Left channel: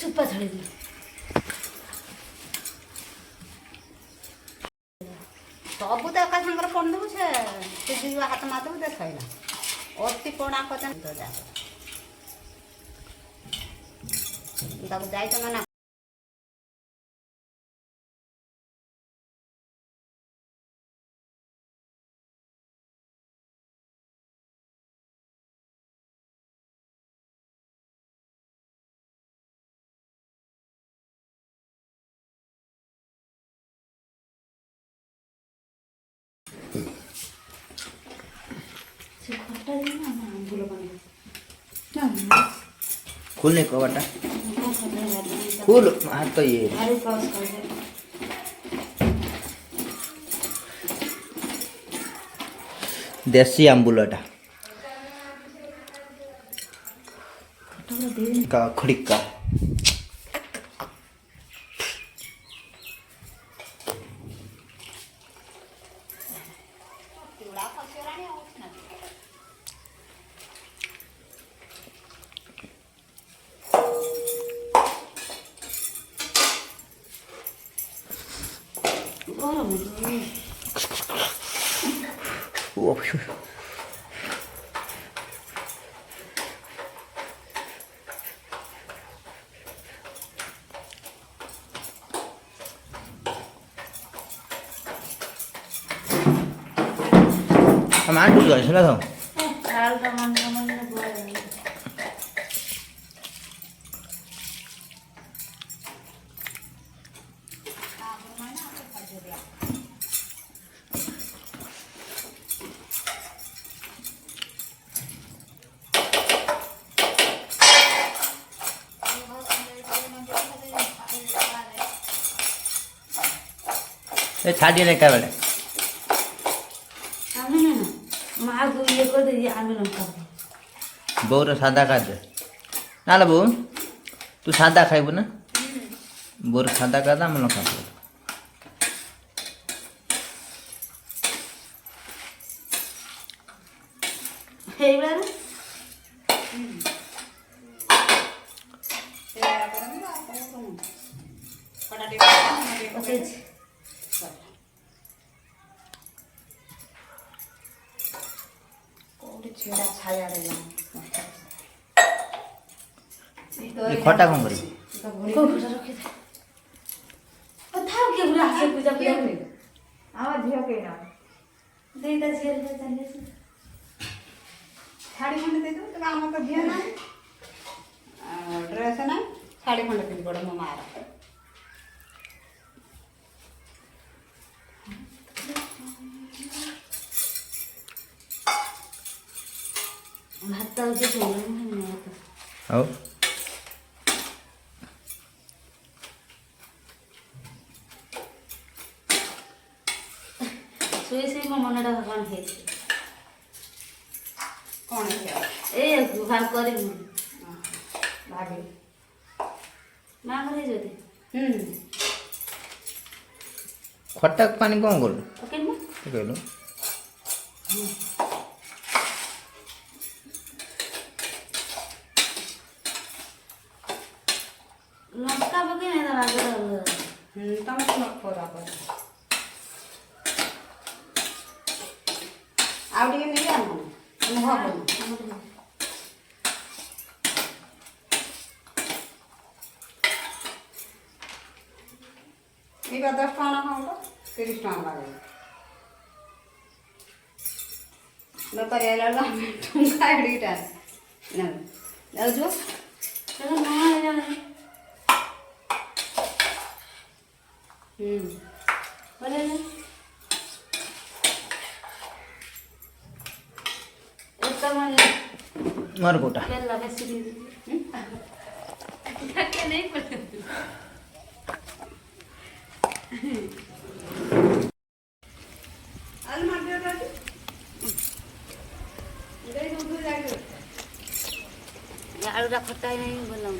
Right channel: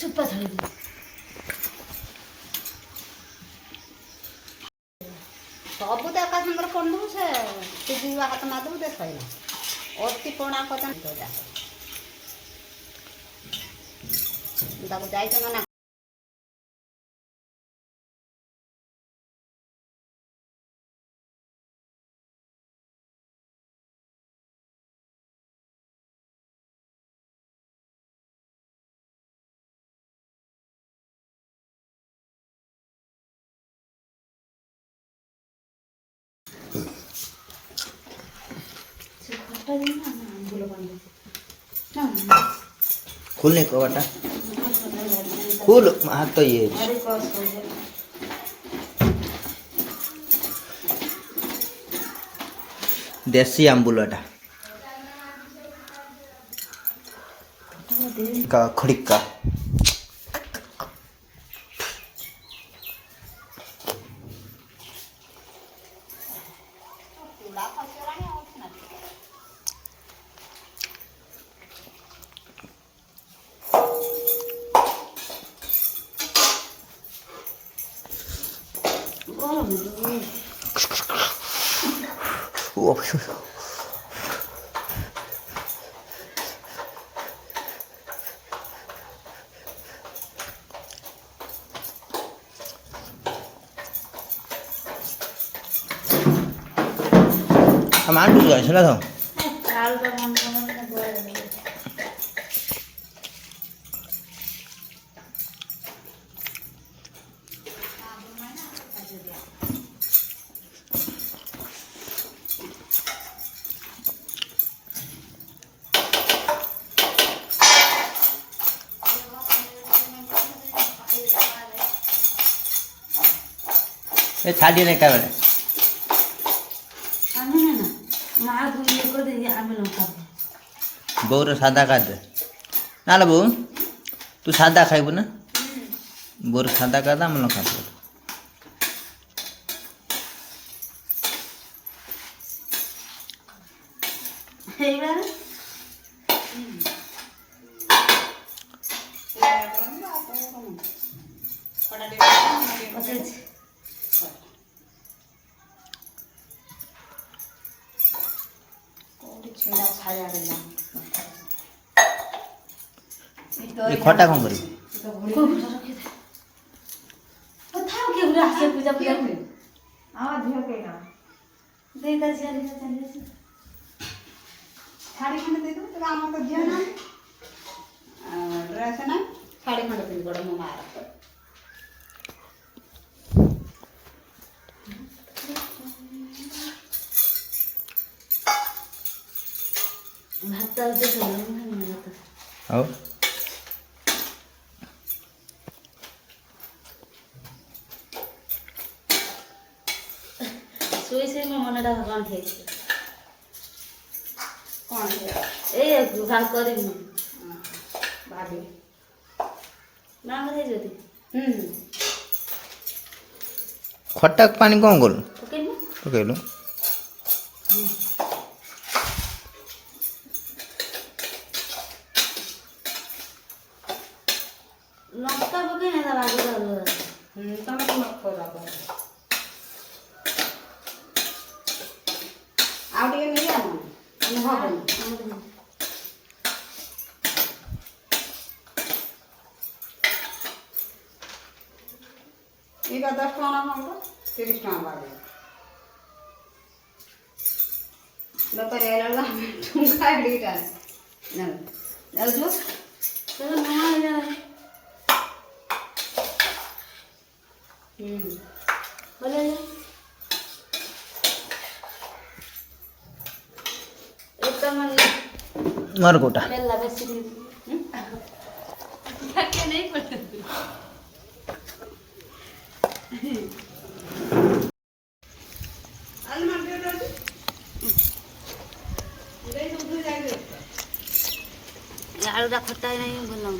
चुप थोड़ी सबू तो एका सागर पड़ू से हाथ मारदेबू दे सैला अति पड़ा कर जाए मना खुलने को बटा खुल हाथ तो ये देसी आंबुलटा का खड़िका हम आंटू गए सुना था ये छाड़ी नहीं क्या बेटा बोर सादा का दे ना बो तू सादा खाइबू ना बोर सादा का दाम लखा ये खटा कौन करी पूजा पूजा आवाज के ना देता चले साड़ी खंड दे दो तो आम तो दिया ना ड्रेस ना साड़ी खंड दे बड़ा मम्मा भात तो आओ सोई से मो मनटा भगवान थे कौन ए भाग करी भाभी मांग रहे जोती खट्टा पानी कौन गोल पकड़ लंका पकड़ ना लागो तुम तो मत करा आउटे नहीं जानो ये 10 टका ना 30 टका लागे न करेला ना तुम खाड़ीटा ना लाओ जो चलो नवा ले जा बोले ले एक मन मार कोटा बेला बेसी क्या नहीं पड़ता आलू खट्टा नहीं बोलना